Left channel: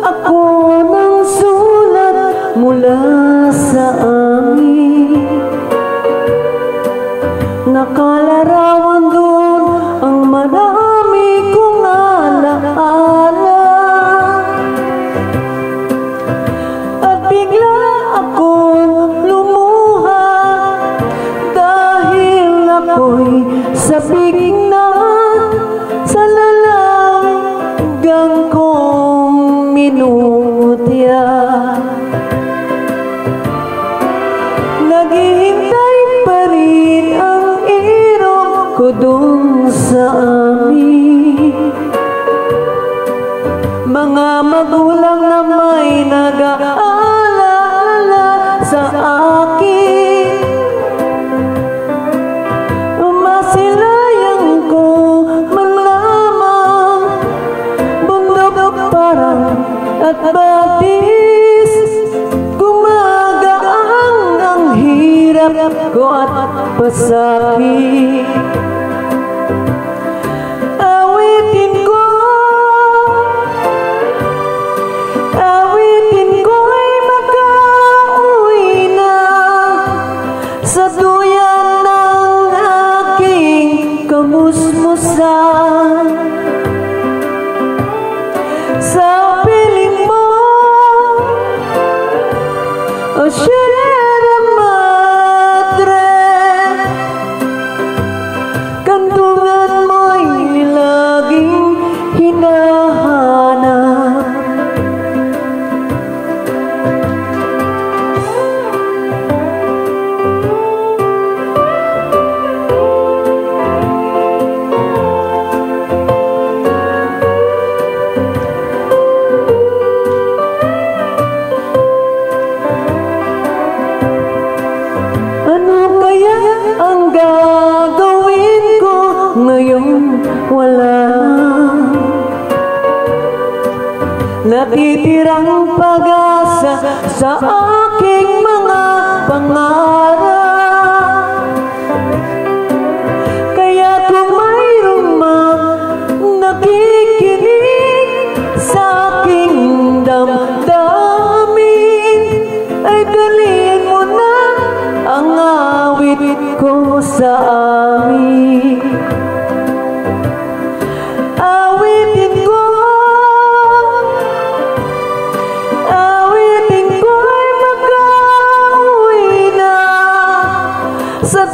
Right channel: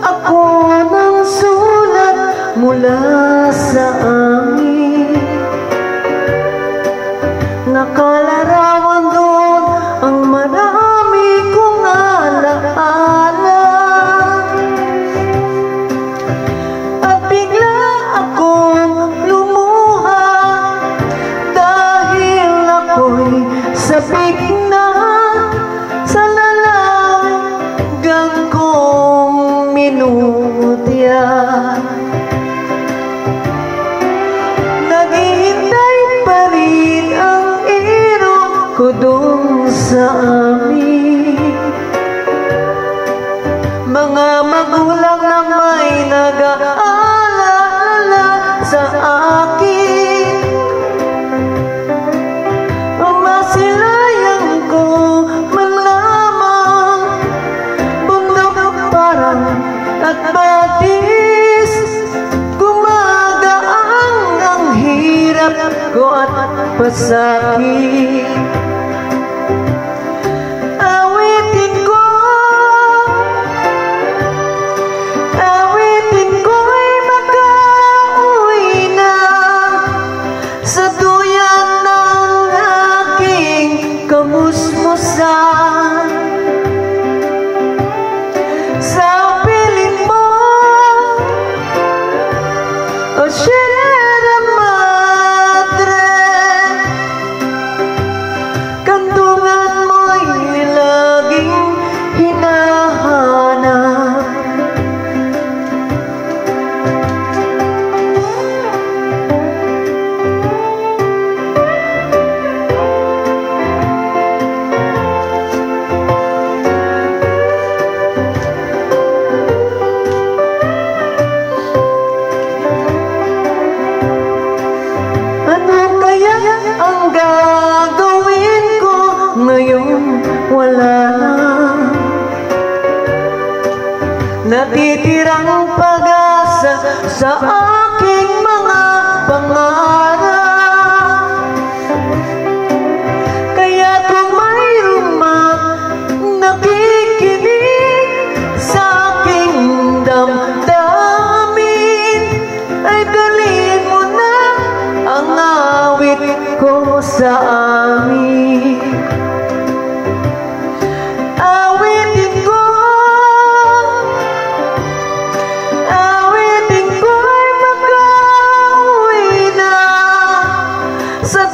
Ako ng sulat mula sa amin. Nakalarawan doon ang marami kong alaala. At bigla akong lumuha dahil ako'y sabik na sa lalanggang kong minutya. Naghihintay pa rin ang irong ko doon sa amin. Mga magulang na may nag-aalala sa akin. Masilayan ko man lamang bundok parang at batis. Gumagaang ang hirap ko at pasakit. Awitin ko'y makauwi na sa duyan ng aking kamusmusan. Sa piling mo, o Sierra Madre, kantungan mo'y laging hinahanap. Ang gagawin ko ngayon wala na. Natitirang pag-asa sa aking mga pangarap. Kaya kung mayroong nakikinig sa aking damdamin, ay daliin mo na ang awit ko sa amin. Awitin ko'y makauwi na sa